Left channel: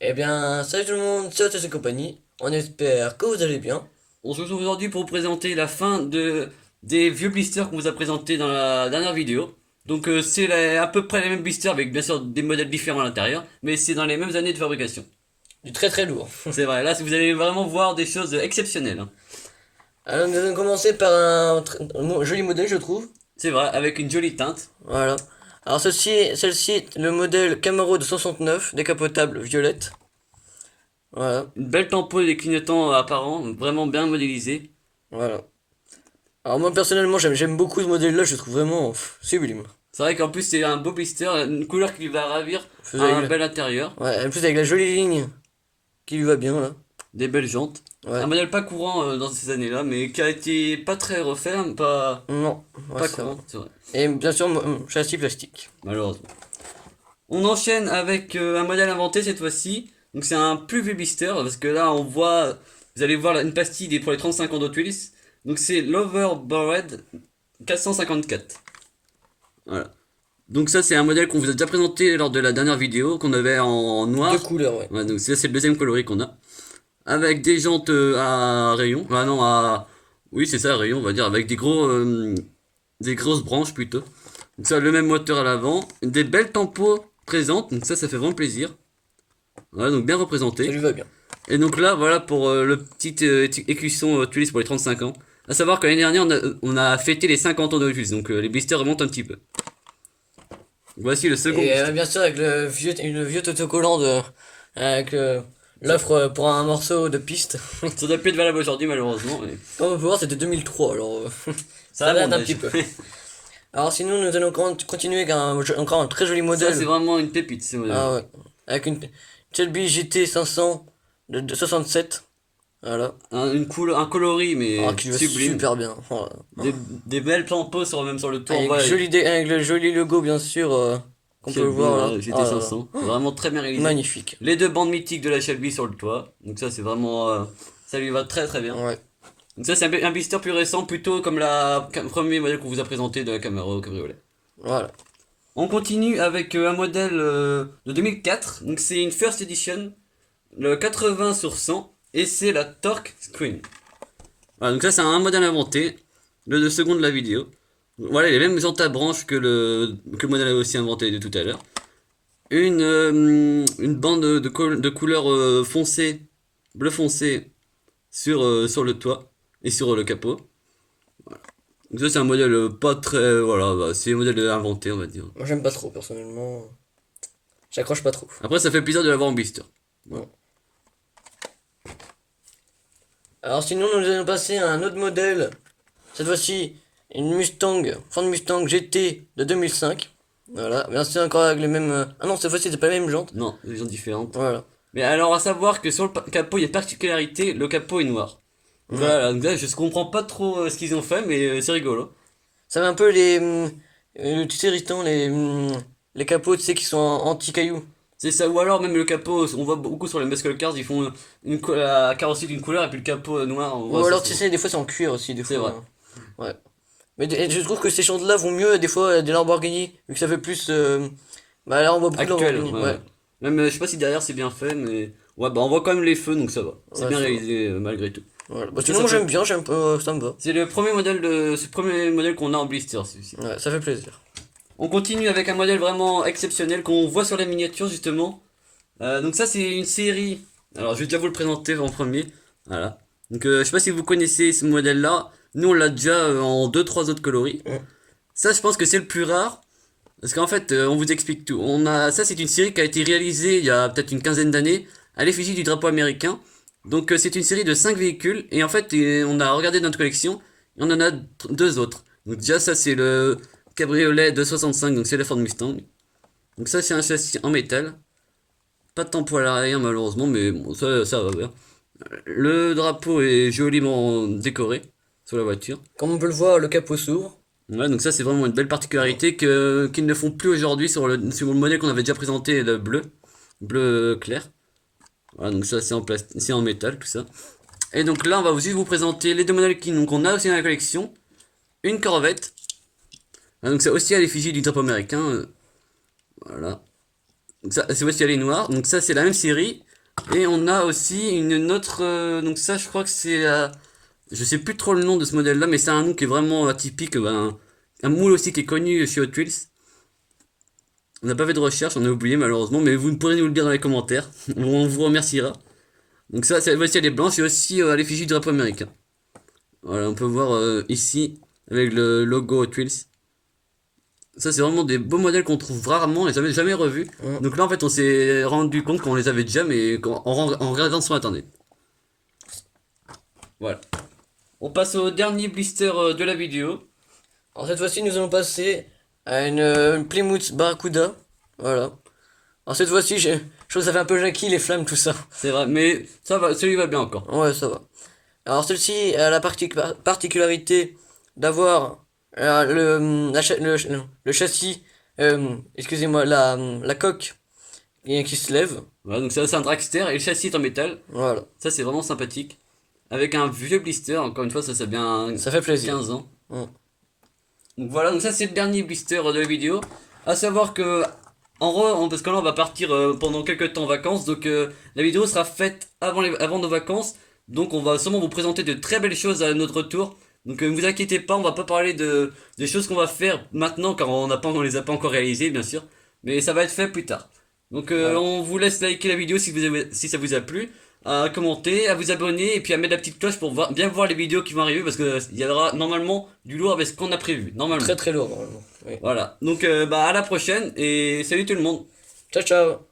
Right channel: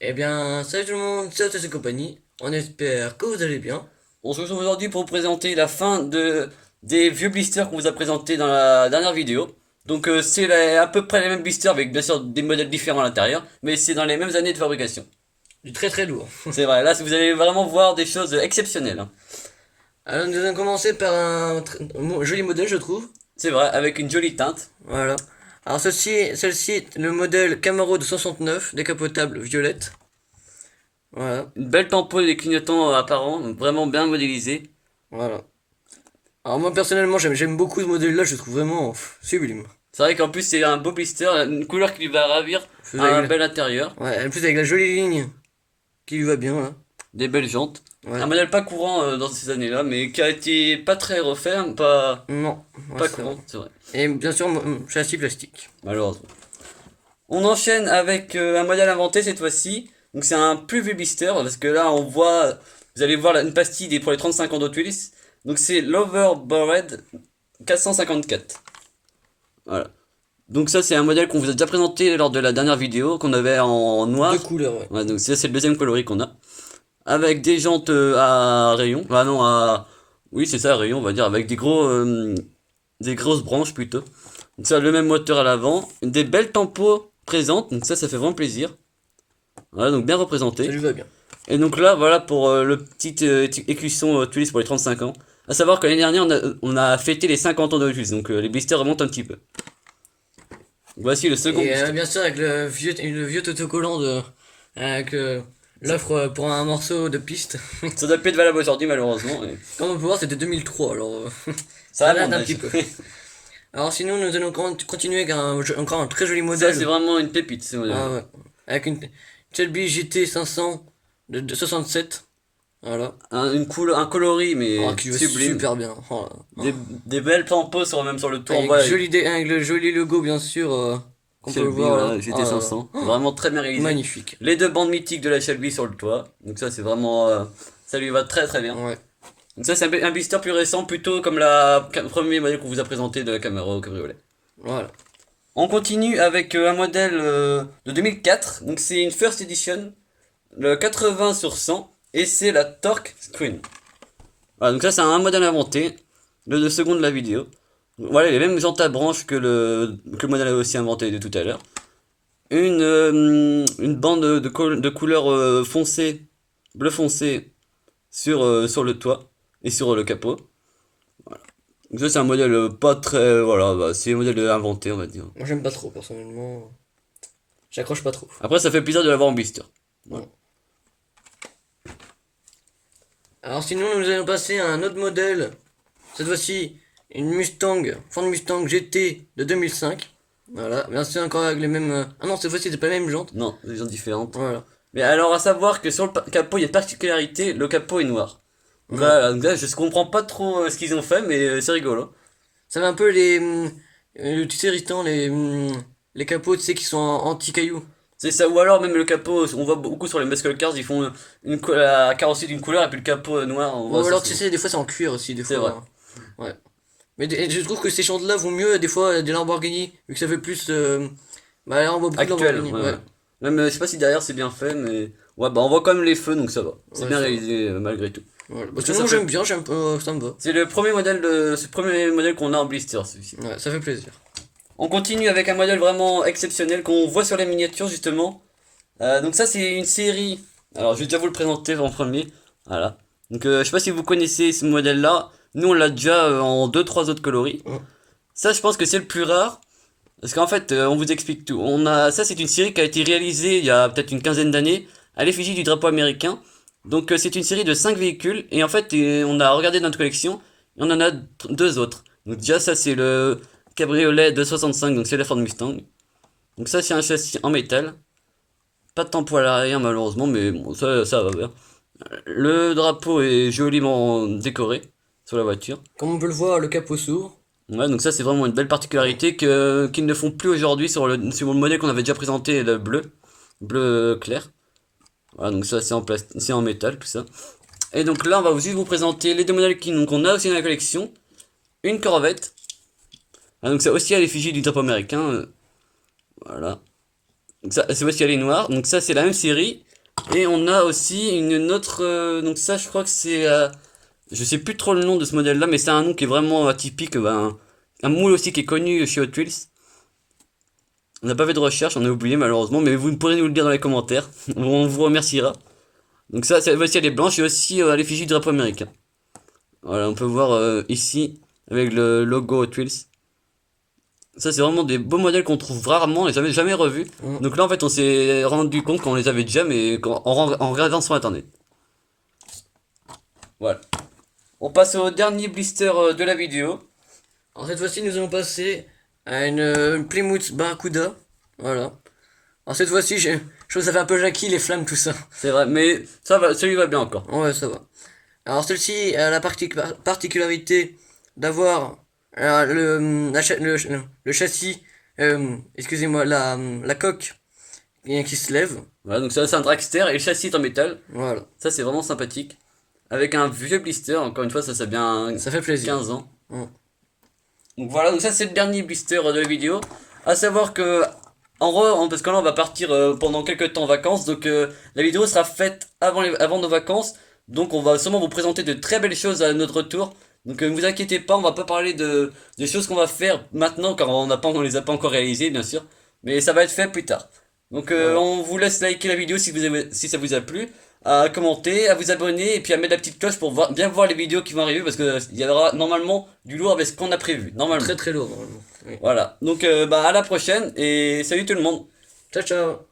Eh bien, salut tout le monde, c'est Otis et compagnie. On espère que vous allez bien. On se retrouve aujourd'hui pour vous présenter la fin des vieux blisters qu'on vous a présentés dans la dernière vidéo. Donc c'est à peu près les mêmes blisters avec bien sûr des modèles différents à l'intérieur, mais c'est dans les mêmes années de fabrication. Du très très lourd. C'est vrai, là vous allez vraiment voir des choses exceptionnelles, hein. Alors, nous allons commencer par un joli modèle, je trouve. C'est vrai, avec une jolie teinte. Voilà. Alors, celle-ci est le modèle Camaro de 69, décapotable violette. Voilà, Une belle tempo des clignotants apparents, vraiment bien modélisés. voilà. Alors, moi personnellement, j'aime beaucoup ce modèle-là, je le trouve vraiment sublime. C'est vrai qu'en plus c'est un beau blister, une couleur qui lui va ravir, Plus avec un la- bel intérieur, Ouais, en plus avec la jolie ligne qui lui va bien, là. des belles jantes. Un Ouais. modèle pas courant dans ces années-là, mais qui a été pas très refait, hein, Non, ouais, pas c'est vrai. courant, c'est vrai, Et bien sûr, châssis plastique. malheureusement. On enchaîne avec un modèle inventé cette fois-ci. Donc c'est un plus vieux blister parce que là on voit, vous allez voir une pastille pour les 35 ans d'Hot Wheels. Donc c'est l'Overbored 454. Voilà. Donc ça c'est un modèle qu'on vous a déjà présenté lors de la dernière vidéo qu'on avait en Deux noir. couleurs, ouais. Ouais, donc ça c'est le deuxième coloris qu'on a. Avec des jantes à rayon. Ah non, à... Oui c'est ça, à rayon on va dire. Avec des grosses branches plutôt. Donc ça le même moteur à l'avant. Des belles tempos présentes. Donc ça fait vraiment plaisir. Voilà, donc bien Ça représenté. lui va bien. Et donc là, voilà pour le petit écusson Tulis pour les 35 ans. À savoir que l'année dernière, on a fêté les 50 ans de Tulis, donc les blisters remontent un petit peu. Voici le second Et blister. bien sûr, avec le vieux autocollant avec l'offre pour un morceau de piste. Ça doit plus être valable aujourd'hui, malheureusement. Comme on peut voir, c'était 2003, alors Ça ça a date mon un âge. petit peu. Alors sinon, nous allons continuer avec encore un très joli Ça, c'est modèle. vraiment une pépite, ce modèle-là. Ah ouais. Avec une Shelby GT 500 de 67. Voilà. Un coloris, Ah, mais qui va sublime. super bien. Oh là. Des belles tampos même sur le tour. On voit Avec le joli logo, bien sûr, qu'on peut Shelby, voir là. voilà, Oh là là. GT 500. Vraiment très bien réalisé. Magnifique. Les deux bandes mythiques de la Shelby sur le toit. Donc ça, c'est vraiment... ça lui va très très bien. Ouais. Donc ça c'est un blister plus récent, plutôt comme le premier modèle qu'on vous a présenté de la Camaro Cabriolet. Voilà. On continue avec un modèle de 2004, donc c'est une first edition, le 80 sur 100, et c'est la Torque Screen. Voilà, donc ça c'est un modèle inventé, le second de la vidéo. Voilà les mêmes jantes à branches que le modèle aussi inventé de tout à l'heure. Une bande de couleur foncée, bleu foncé sur le toit et sur le capot. Donc ça c'est un modèle pas très... voilà, bah, c'est un modèle inventé on va dire. Moi, j'aime pas trop, personnellement. J'accroche pas trop. Après ça fait plaisir de l'avoir en blister. Voilà. Ouais. Alors sinon, nous allons passer à un autre modèle. Cette fois-ci, une Mustang, Ford Mustang GT de 2005. Voilà, bien sûr encore avec les mêmes... Ah non, cette fois-ci, c'est pas les mêmes jantes. Non, des gens différentes. Voilà. Mais alors à savoir que sur le capot il y a une particularité, le capot est noir. Donc Ouais. voilà, donc là, je comprends pas trop ce qu'ils ont fait, mais c'est rigolo. Ça fait un peu tu sais, Ristan, les capots, tu sais, qui sont anti-cailloux. C'est ça, ou alors même le capot, on voit beaucoup sur les muscle cars, ils font la carrosserie d'une couleur et puis le capot noir, on Ou voit ça alors, tu souvent. sais, des fois, c'est en cuir aussi, des C'est vrai. fois. Ouais. Mais je trouve que ces jantes-là vont mieux, des fois, des Lamborghini, vu que ça fait plus... Bah là, on voit beaucoup de Actuel, Lamborghini, ouais, ouais. ouais. Même, je sais pas si derrière c'est bien fait, mais... Ouais, bah on voit quand même les feux, donc ça va. C'est Ouais, bien ça va. réalisé malgré tout. Voilà. Bah, Donc sinon, ça moi, fait... j'aime bien, ça me va. C'est ce premier modèle qu'on a en blister, celui-ci. Ouais, ça fait plaisir. On continue avec un modèle vraiment exceptionnel qu'on voit sur les miniatures justement. Donc ça c'est une série. Alors je vais déjà vous le présenter en premier. Voilà. Donc je sais pas si vous connaissez ce modèle-là. Nous on l'a déjà en deux trois autres coloris. Mm. Ça je pense que c'est le plus rare. Parce qu'en fait on vous explique tout. Ça c'est une série qui a été réalisée il y a peut-être une quinzaine d'années à l'effigie du drapeau américain. Donc c'est une série de 5 véhicules et en fait on a regardé notre collection et on en a deux autres. Donc déjà ça c'est le cabriolet de 65, donc c'est la Ford Mustang. Donc ça c'est un châssis en métal. Pas de tempo à l'arrière malheureusement, mais bon ça va bien. Le drapeau est joliment décoré sur la voiture. Comme on peut le voir, le capot s'ouvre. Ouais, donc ça c'est vraiment une belle particularité qu'ils ne font plus aujourd'hui sur le modèle qu'on avait déjà présenté, le bleu clair. Voilà, donc ça c'est en métal tout ça. Et donc là on va juste vous présenter les deux modèles qu'on a aussi dans la collection. Une Corvette. Ah, donc c'est aussi à l'effigie du drapeau américain. Voilà. Donc ça c'est aussi à les noirs. Donc ça c'est la même série. Et on a aussi une autre, donc ça je crois que c'est, je sais plus trop le nom de ce modèle là, mais c'est un nom qui est vraiment atypique, un moule aussi qui est connu chez Hot Wheels. On n'a pas fait de recherche, on a oublié malheureusement, mais vous pourrez nous le dire dans les commentaires, on vous remerciera. Donc ça, voici elle est blanche et aussi à l'effigie du drapeau américain. Voilà, on peut voir ici avec le logo Hot Wheels. Ça, c'est vraiment des beaux modèles qu'on trouve rarement et jamais revus. Donc là, en fait, on s'est rendu compte qu'on les avait déjà, mais en regardant sur internet. Voilà. On passe au dernier blister de la vidéo. Alors cette fois-ci, nous allons passer à une Plymouth Barracuda. Voilà. Alors cette fois-ci, je trouve que ça fait un peu Jackie, les flammes, tout ça. C'est vrai, mais ça va, celui va bien encore. Ouais, ça va. Alors celle-ci a la particularité d'avoir le châssis, excusez-moi, la coque qui se lève. Voilà, donc ça, c'est un dragster et le châssis est en métal. Voilà. Ça, c'est vraiment sympathique. Avec un vieux blister, encore une fois, ça bien Ça fait plaisir. 15 ans. Mm. Donc voilà, donc ça c'est le dernier blister de la vidéo. À savoir que, parce que là on va partir pendant quelques temps en vacances, donc la vidéo sera faite avant nos vacances. Donc on va sûrement vous présenter de très belles choses à notre retour. Donc ne vous inquiétez pas, on va pas parler des choses qu'on va faire maintenant, car on les a pas encore réalisées bien sûr. Mais ça va être fait plus tard. Donc on vous laisse liker la vidéo si ça vous a plu, à commenter, à vous abonner et puis à mettre la petite cloche pour bien voir les vidéos qui vont arriver parce que il y aura normalement du lourd avec ce qu'on a prévu. Normalement. Très très lourd, normalement. Oui. Voilà. Donc à la prochaine et salut tout le monde. Ciao, ciao.